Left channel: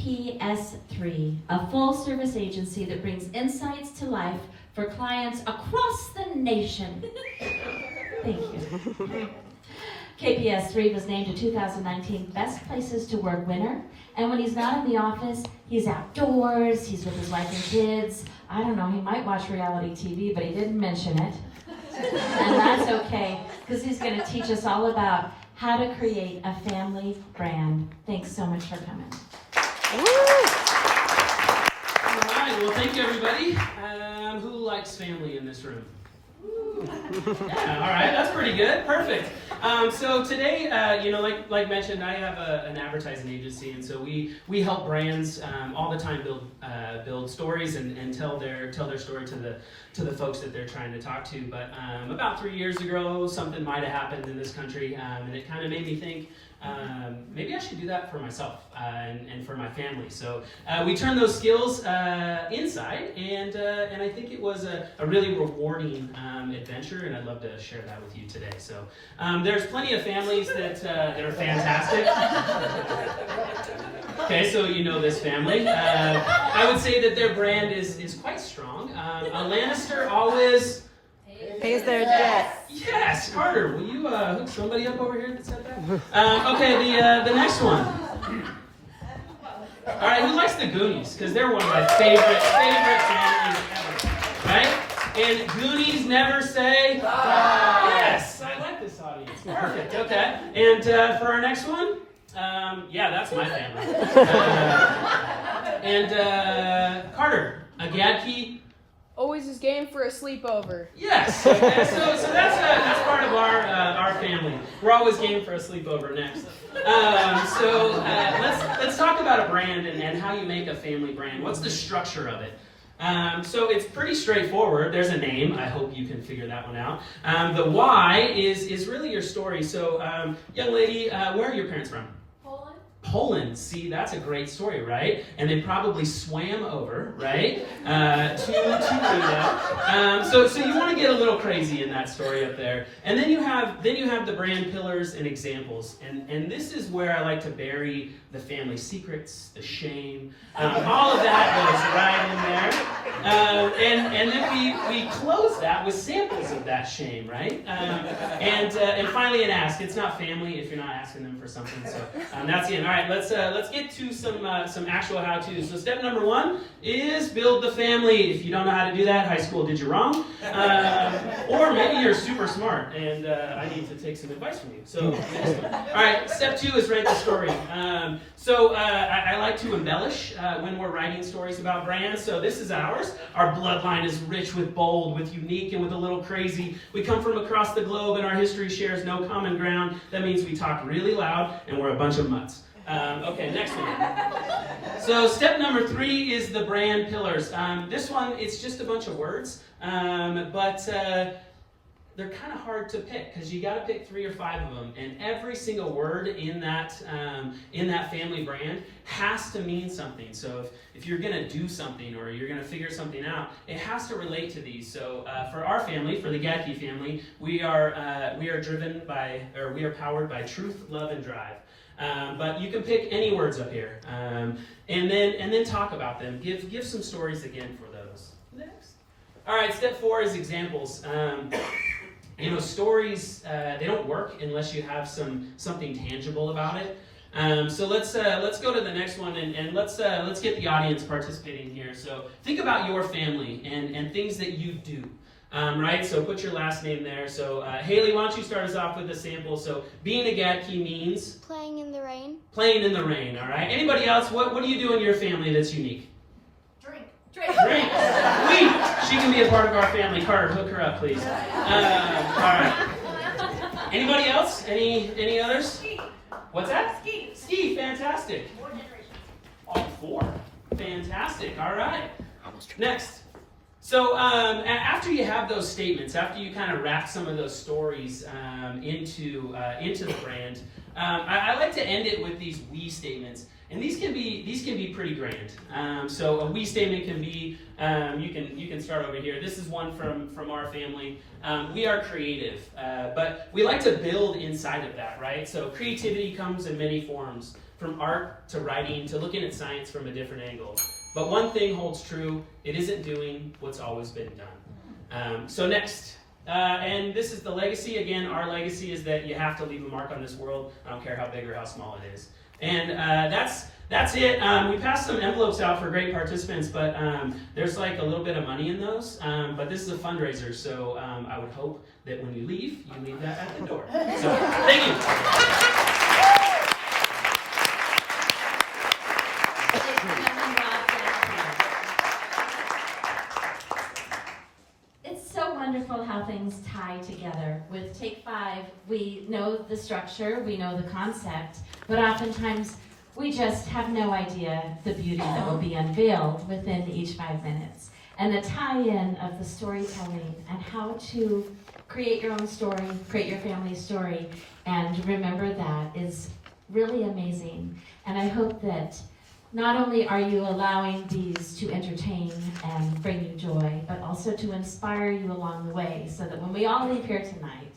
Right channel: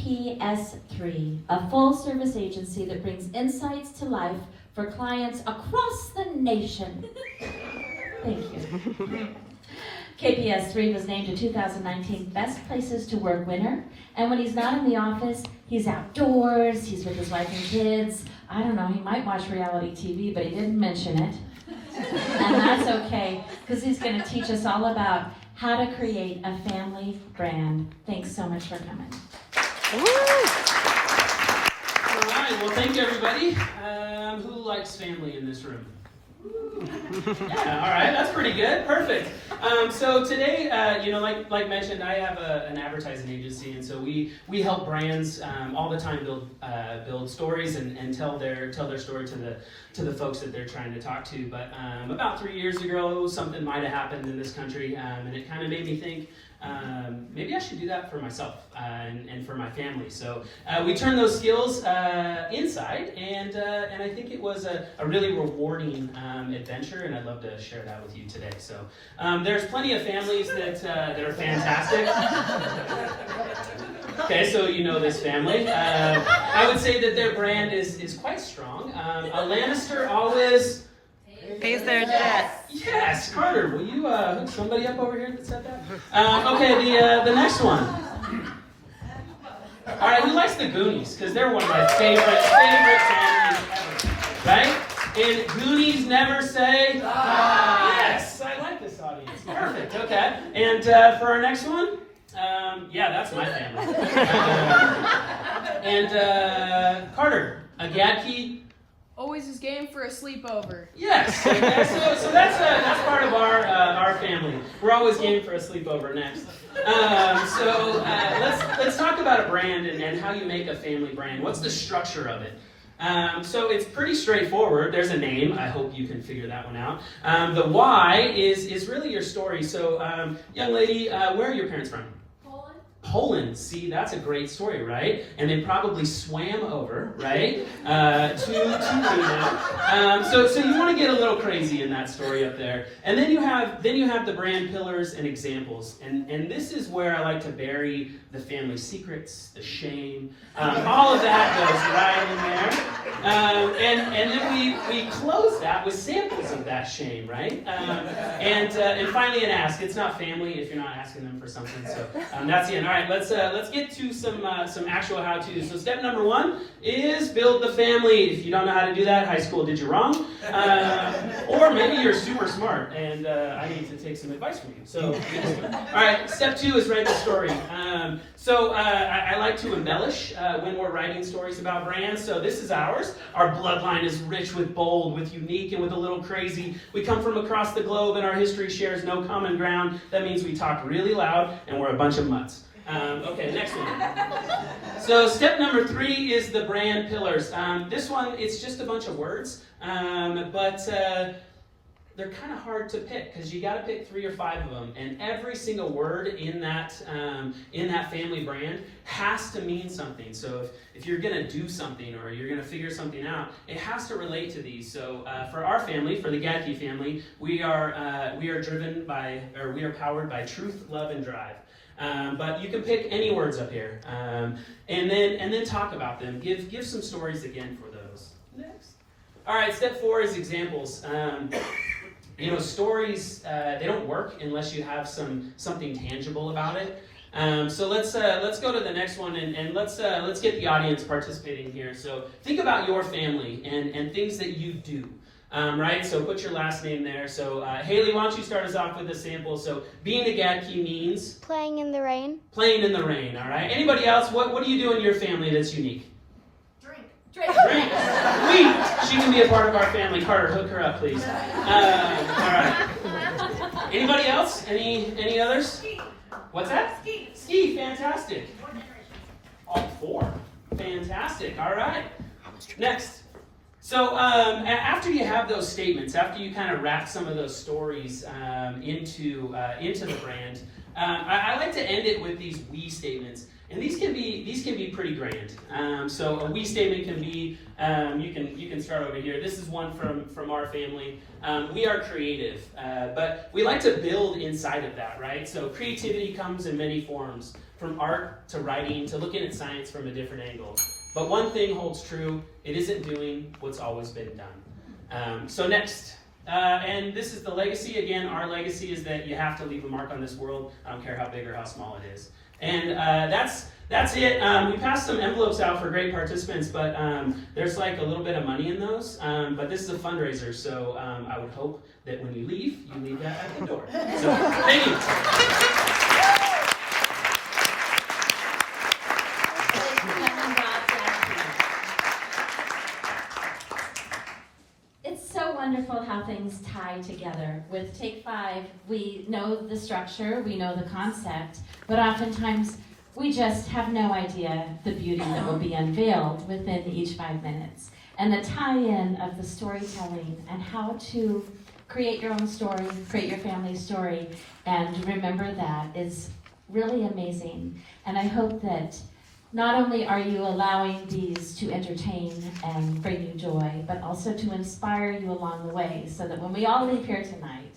KPS3, a full-service agency that brings insights to life for clients across the nation. Thank you. KPS3 was named a 2019 Best Places to Work winner, and when he's not in the office, he's outdoors, he's with his wife and kids. I don't know, he might watch reality TV, but he didn't mention it. And that's okay, because he's going to teach us all about how to create a family brand. Thanks so much for coming. All right, well, thank you, everybody. Who likes family in this room? Yeah, all right, that's pretty good. Perfect. So today, like mentioned, I have an advertising agency, and so we help brands all the time build stories and tell their story to the folks that they're trying to talk to. But about 3 years ago, something might have happened in this country, and it kind of made me think, maybe I should do that for myself and for my family. So we turned those skills inside, and I think it was a really rewarding adventure, and I'd love to share that with you today. So there's plenty of families that are fantastic. Okay, so you know this family. I would say that their brand is quite strong. A Lannister always pays their debts. Yes, Carter, will you hook somebody up over here that said that? Okay, the next one. All right, who likes the Goonies? Because they're one of my favorite families ever, right? And Goonies never say die. Yes, I like this audience. Perfect. Okay, and for our next one, yeah, that's my family. And Carter, a Gaedtke. Always is game for a sleepover. Yes. Okay. So that's part of our family. We're always game for a sleepover next. Let's talk about a brand and how you make a family brand. What's the structure of it? So it's pretty straightforward. There's a name. I hope you can figure that one out. The why is really your story. So, young lady, where are your parents from? Poland, see, that's a great story, right? And they probably swam over, right, to Bruka. So you want to get a little crazy in that story up there. And then you have the brand pillars and examples. And this is where I like to bury the family secrets, the shame, all of that goes right in there. And then we close that with samples of that shame, right? And finally an ask. It's not family if you're not asking them for something. So that's the end. All right, let's get to some actual how-tos. So step number 1 is build the family. If you don't know how to do that, high school did you wrong. Or maybe you're super smart and I need to take some advice from you. So, all right, step 2 is write the story. I like to embellish when we're writing stories about brands. So this is ours. Our bloodline is rich with bold, with unique, and with a little crazy. We come from across the globe and our history shares no common ground. That means we talk really loud and we're a bunch of mutts. Okay, next one. So step number 3 is the brand pillars. This one, it's just a bunch of words, but they're kind of hard to pick because you got to pick 3 or 5 of them, and every single word in that family brand has to mean something. So if you're going to do something or you're going to figure something out, it has to relate to these. So for our family, for the Gaedtke family, we are powered by truth, love, and drive. But you can pick any words up here, and then talk about them. Give some stories again for those. Next. All right, step 4 is examples. Stories they don't work unless you have something tangible about it. So let's go to the next one and let's get the audience participating here. So think about your family and things that you do. Right, so put your last name there. So Haley, why don't you start us off with a sample? So being a Gaedtke means? Playing in the rain. Playing in the rain, all right. Anybody else? What do you do in your family that's unique? Drink. Sweet. She can be a part of our family. Carter, hook her up, please. All right. Anybody else? Any others? Ski. What's that? Ski, fantastic. 4. Fantastic, all right. Next. So after you have those statements, after you kind of wrap some of those stories into the brand, I like to end it with these we statements, and these can be pretty grand. So a we statement can be you can start over here. This is one from our family. We are creative, but we like to build inside of that, right? So creativity comes in many forms. from art to writing to looking at science from a different angle. But one thing holds true, it isn't doing what's always been done. So next, and this is the legacy. Again, our legacy is that you have to leave a mark on this world. I don't care how big or how small it is. And that's it. We passed some envelopes out for great participants, but there's like a little bit of money in those. But this is a fundraiser, so I would hope that when you leave that at the door. So, thank you. It's so wonderful how things tie together. With Take 5, we know the structure, we know the concept, but oftentimes we just have no idea the beauty that will be unveiled within each 5 minutes. And the tie-in of the storytelling and how to create your own story, create your family's story, and remember that is really amazing. And I hope that not only are you allowing these to entertain and bring you joy, but also to inspire you along the way, so that when we all leave here tonight,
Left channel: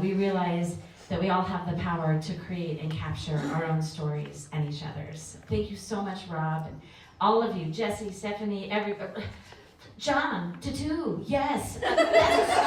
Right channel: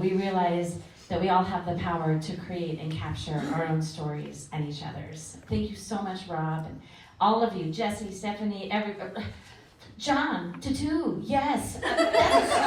we realize that we all have the power to create and capture our own stories and each other's. Thank you so much, Rob, and all of you, Jesse, Stephanie, everybody. John, Tutu, yes, that's a